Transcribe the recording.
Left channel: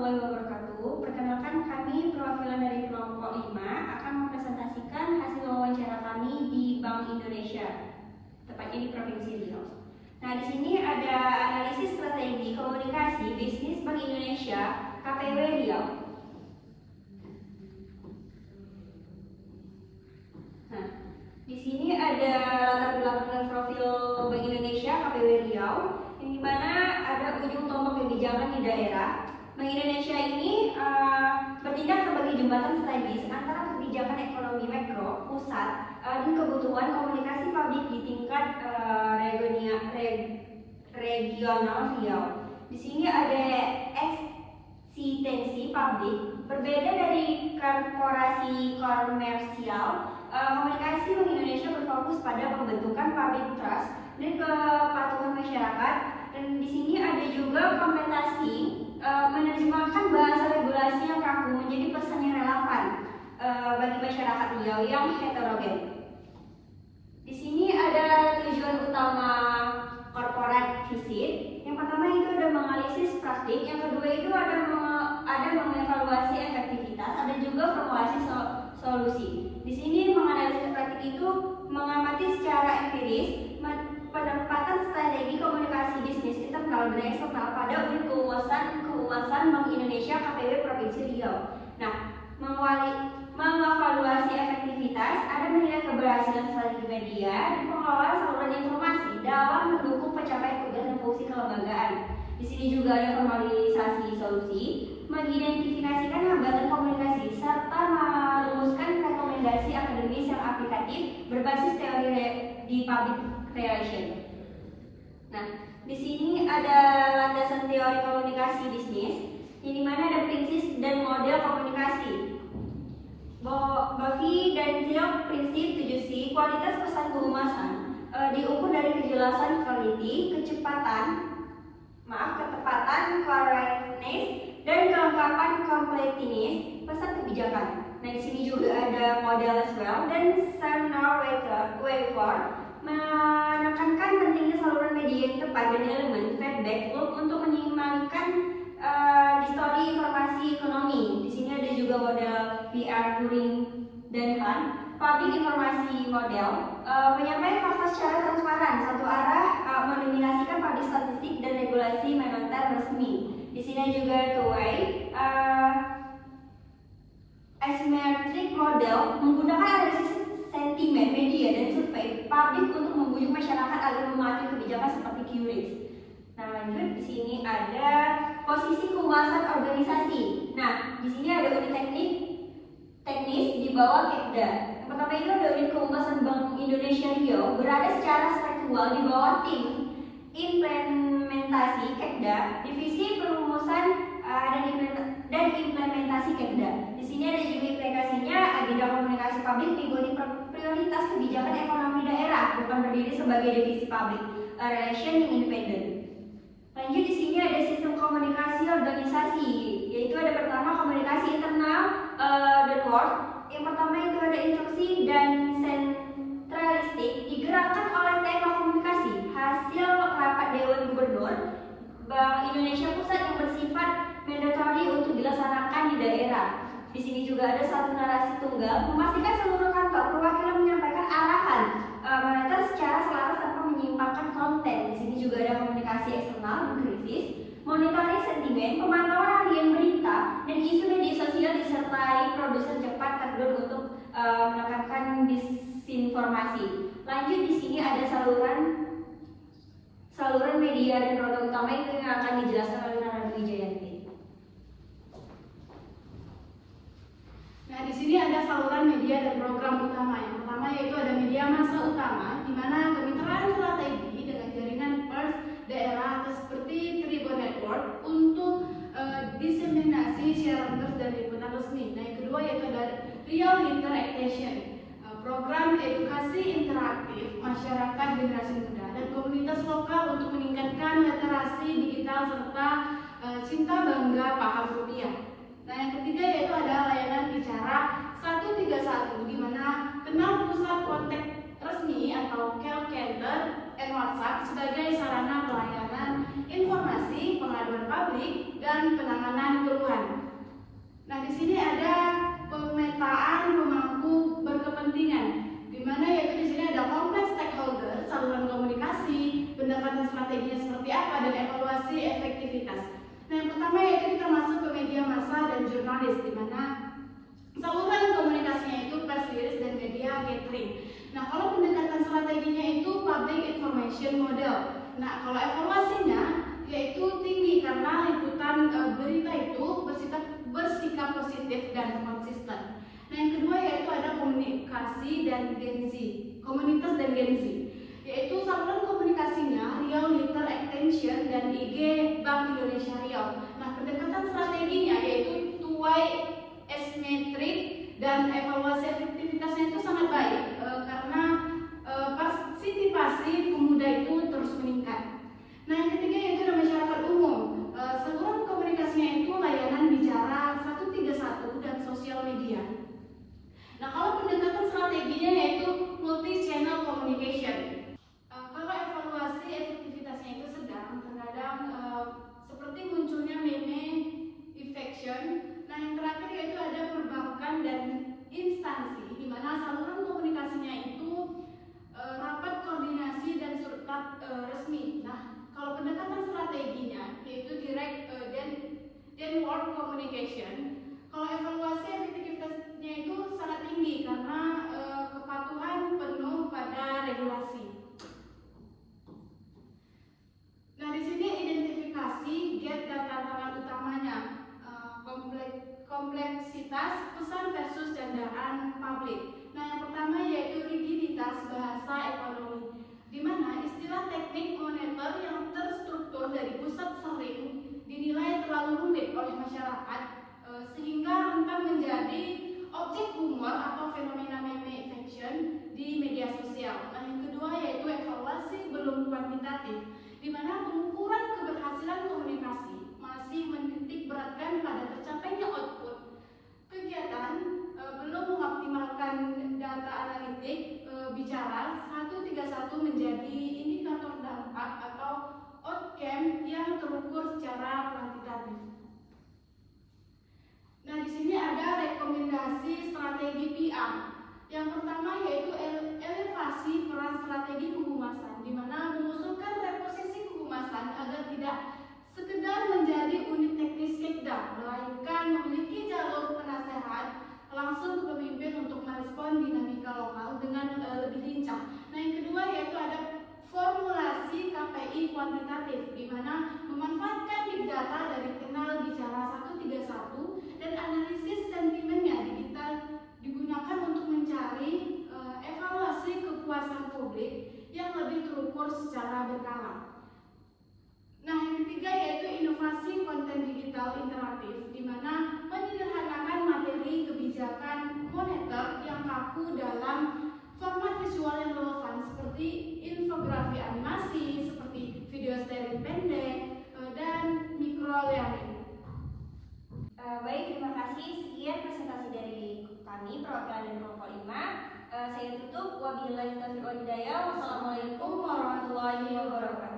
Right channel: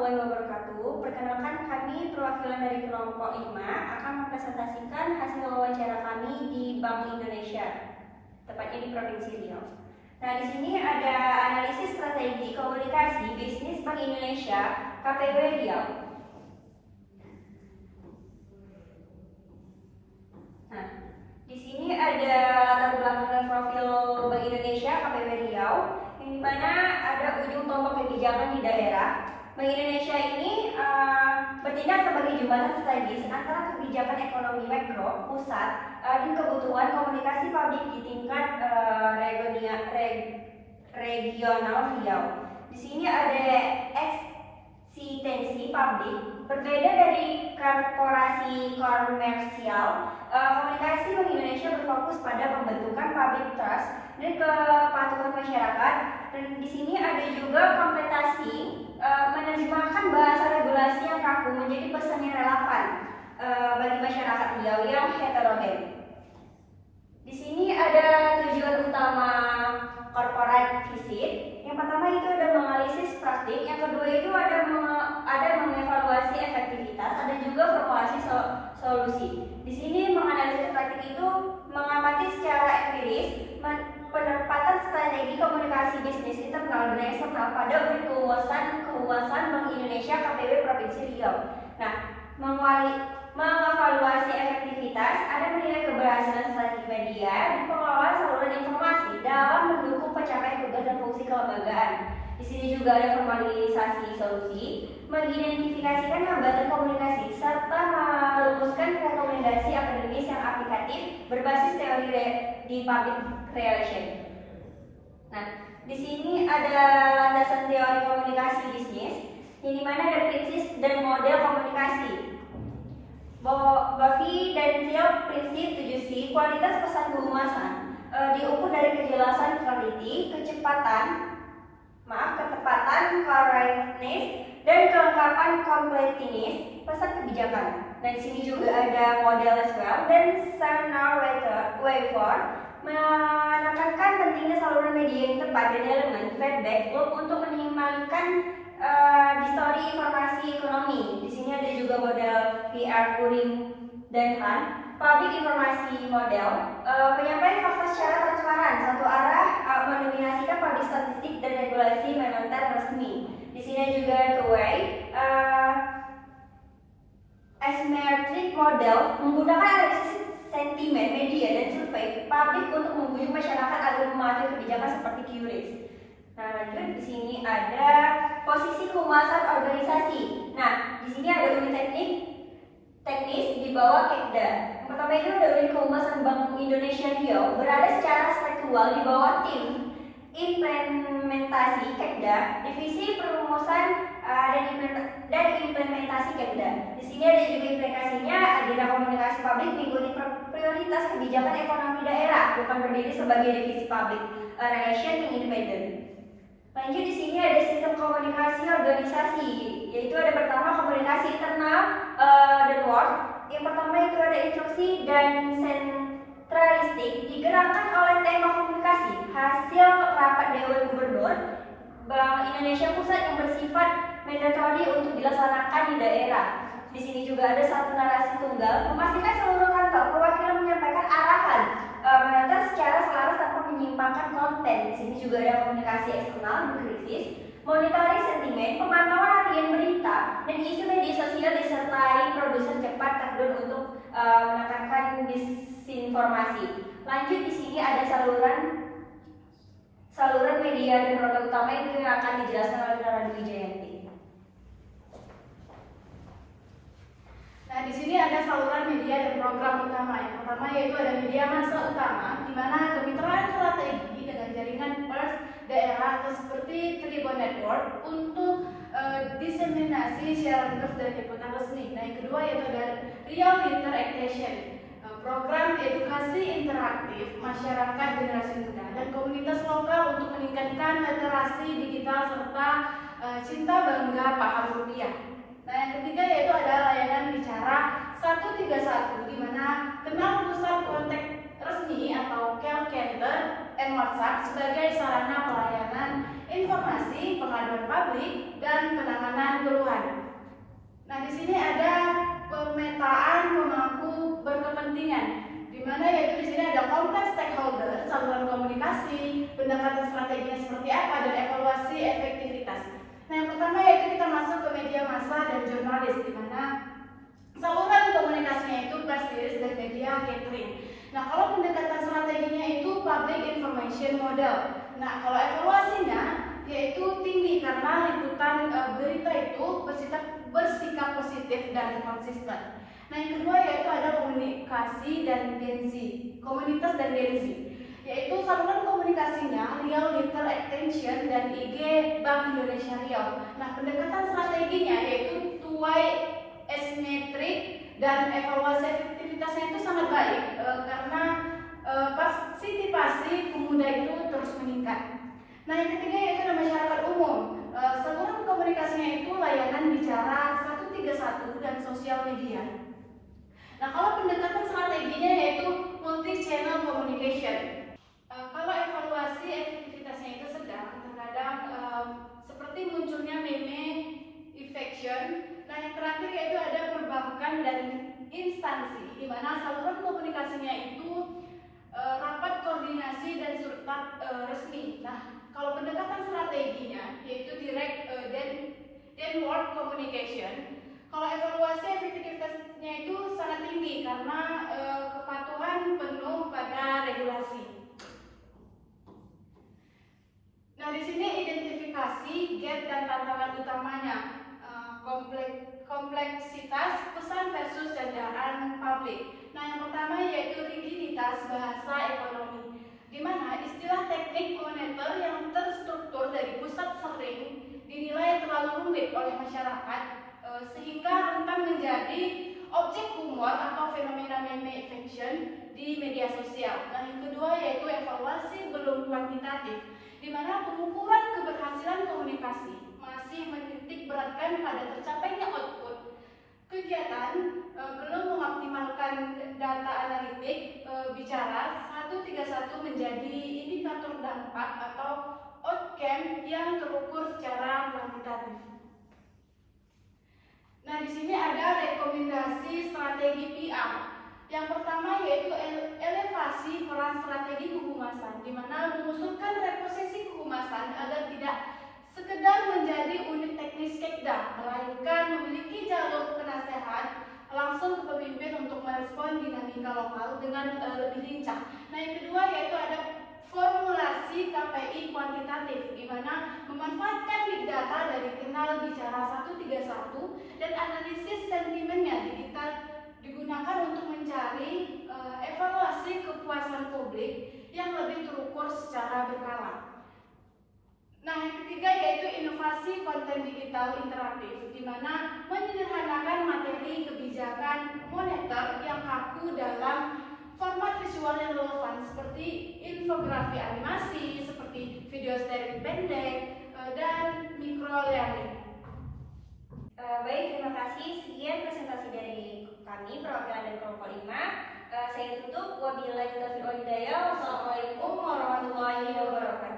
warahmatullahi wabarakatuh. Perkenalkan, kami perwakilan dari kelompok 5 akan mempresentasikan hasil wawancara kami di Bank Indonesia, tepatnya di Provinsi Riau. Nah, di sini ada analisis strategi komunikasi bisnis Bank Indonesia KPW Riau. Nah, di sini ada latar belakang profil Bank Indonesia KPW Riau, yang dimana ada ujung tombak kebijakan di daerah. Bank Indonesia ini bertindak sebagai jembatan strategis antara kebijakan ekonomi makro pusat dan kebutuhan komunikasi publik di tingkat regional Riau. Di sini ada eksistensi publik. Berbeda dari korporasi komersial, komunikasi Bank Indonesia berfokus pada pembentukan public trust dan kepatuhan masyarakat. Dan di sini ada juga komplementasi, menerjemahkan bahasa regulasi yang kaku menjadi pesan yang relevan bagi masyarakat Riau yang heterogen. Di sini ada tujuan utama corporate visit. Yang pertama itu ada menganalisis praktik, yang kedua itu ada mengevaluasi efektivitas, ada juga formulasi solusi. Di sini menganalisis praktik itu mengamati secara empiris penempatan strategi komunikasi bisnis internal dan eksternal pada unit keuangan Bank Indonesia KPW Provinsi Riau. Nah, mengevaluasi efektivitas, ada menilai keberhasilan strategi media dan pengelolaan saluran informasi dalam mendukung pencapaian tugas dan fungsi kelembagaan. Di sini juga ada formalisasi solusi, mengidentifikasikan hambatan komunikasi serta merumuskan rekomendasi akademis yang aplikatif berbasis teori di public relation. Nah, di sini ada landasan teori komunikasi bisnis, yang dimana ada prinsip dan model komunikasi. Bovi dan Zio prinsip 7C, kualitas pesan kehumasan diukur dari kejelasan quality, ketepatan correctness, dan kelengkapan completeness pesan kebijakan. Nah, di sini juga ada model as well dan Seminar Waveform menekankan pentingnya saluran media yang tepat dan elemen feedback loop untuk meminimalkan distorsi informasi ekonomi. Di sini ada juga model PR Kuring dan Han. Public informasi model, penyampaian fakta secara transparan, satu arah, mendominasikan public statistik dan regulasi moneter resmi. Di sini juga two-way, asymmetric model, menggunakan analisis sentimen, media, dan survei publik untuk membujuk masyarakat agar mematuhi kebijakan seperti QRIS. Nah, lanjut, di sini ada posisi kehumasan organisasi. Nah, di sini ada unit teknis di bawah Kekda. Yang pertama itu ada unit kehumasan Bank Indonesia Riau, berada secara struktural di bawah tim implementasi Kekda, divisi perumusan dan implementasi Kekda. Di sini ada juga implikasinya agenda komunikasi publik mengikuti prioritas kebijakan ekonomi daerah, bukan berdiri sebagai divisi public relation yang independen. Lanjut, di sini ada sistem komunikasi organisasi, yaitu ada pertama komunikasi internal dan luar. Yang pertama itu ada instruksi dan sentralistik, digerakkan oleh tema komunikasi hasil rapat Dewan Gubernur Bank Indonesia Pusat yang bersifat mandatory untuk dilaksanakan di daerah. Di sini juga ada satu narasi tunggal, memastikan seluruh kantor perwakilan menyampaikan arahan menata secara selaras tanpa menyimpangkan konten. Di sini juga ada komunikasi eksternal dan krisis, monitoring sentimen, pemantauan harian berita, dan isu media sosial disertai produsen cepat terjun untuk menekankan disinformasi. Lanjut, di sini ada saluran media dan program utama yang akan dijelaskan oleh Nara Wijayanti. Nah, di sini ada saluran media dan program utama. Yang pertama yaitu ada media massa utama, di mana kemitraan strategi dengan jaringan pers daerah atau seperti Tribun Network untuk diseminasi siaran pers dan liputan resmi. Nah, yang kedua yaitu ada Riau Interaction, program edukasi interaktif masyarakat generasi muda dan komunitas lokal untuk meningkatkan literasi digital serta cinta bangga paham rupiah. Nah, yang ketiga yaitu ada layanan bicara 131, di mana kenal pusat kontak resmi atau call center and WhatsApp sebagai sarana pelayanan informasi, pengaduan publik, dan penanganan keluhan. Nah, di sini ada pemetaan pemangku berkepentingan, di mana yaitu di sini ada kompleks stakeholder, saluran komunikasi, pendekatan strateginya seperti apa, dan evaluasi efektivitas. Nah, yang pertama yaitu kita masuk ke media massa dan jurnalis, di mana saluran komunikasinya itu press release dan media gathering. Nah, kalau pendekatan strateginya itu public information model. Nah, kalau evaluasinya yaitu tinggi karena liputan berita itu bersikap positif dan konsisten. Nah, yang kedua yaitu ada komunikasi dan gensi, komunitas dan gensi, yaitu saluran komunikasinya Riau Little Attention dan IG Bank Indonesia Riau. Nah, pendekatan strateginya yaitu tuai asimetrik dan evaluasi efektivitasnya itu sangat baik karena partisipasi pemuda itu terus meningkat. Nah, yang ketiga yaitu masyarakat umum. Saluran komunikasinya itu layanan bicara 131 dan sosial media. Nah, kalau pendekatan strateginya yaitu multi channel communication. Kalau evaluasi efektivitasnya itu sedang, terkadang seperti munculnya meme infection. Nah, yang terakhir yaitu ada perbankan dan instansi, di mana saluran komunikasinya itu rapat koordinasi dan surat resmi. Nah, kalau pendekatan strateginya yaitu direct downward communication. Kalau evaluasi efektivitasnya itu sangat tinggi karena kepatuhan penuh pada regulasi. Nah, di sini identifikasi gap dan tantangan utamanya, kompleksitas pesan versus candaan publik. Nah, yang pertama yaitu rigiditas bahasa ekonomi, di mana istilah teknik moneter yang terstruktur dari pusat sering dinilai terlalu rumit oleh masyarakat, sehingga rentan menjadi objek humor atau fenomena meme infection di media sosial. Nah, yang kedua yaitu evaluasi belum kuantitatif, di mana pengukuran keberhasilan komunikasi masih menitik beratkan pada tercapainya output kegiatan, belum mengoptimalkan data analitik bicara 131 menjadi indikator dampak atau outcome yang terukur secara kuantitatif. Nah, di sini ada rekomendasi strategi PR. Yang pertama yaitu elevasi peran strategi kehumasan, di mana mengusulkan reposisi kehumasan agar tidak sekedar menjadi unit teknis Sekda, melainkan memiliki jalur penasehat langsung ke pemimpin untuk merespon dinamika lokal dengan lebih lincah. Nah, yang kedua yaitu ada formulasi KPI kuantitatif, di mana memanfaatkan big data dari kenal bicara 131 dan analisis sentimennya digital digunakan untuk mencari evaluasi kepuasan publik yang lebih terukur secara berkala. Nah, yang ketiga yaitu inovasi konten digital interaktif, di mana menyederhanakan materi kebijakan moneter yang kaku dalam format visual yang relevan seperti infografi animasi, seperti video sharing pendek, dan micro learning. Baik, terima kasih. Sekian presentasi dari kami, perwakilan dari kelompok 5. Saya tutup. Wabillahi taufiq wal hidayah. Wassalamualaikum warahmatullahi wabarakatuh.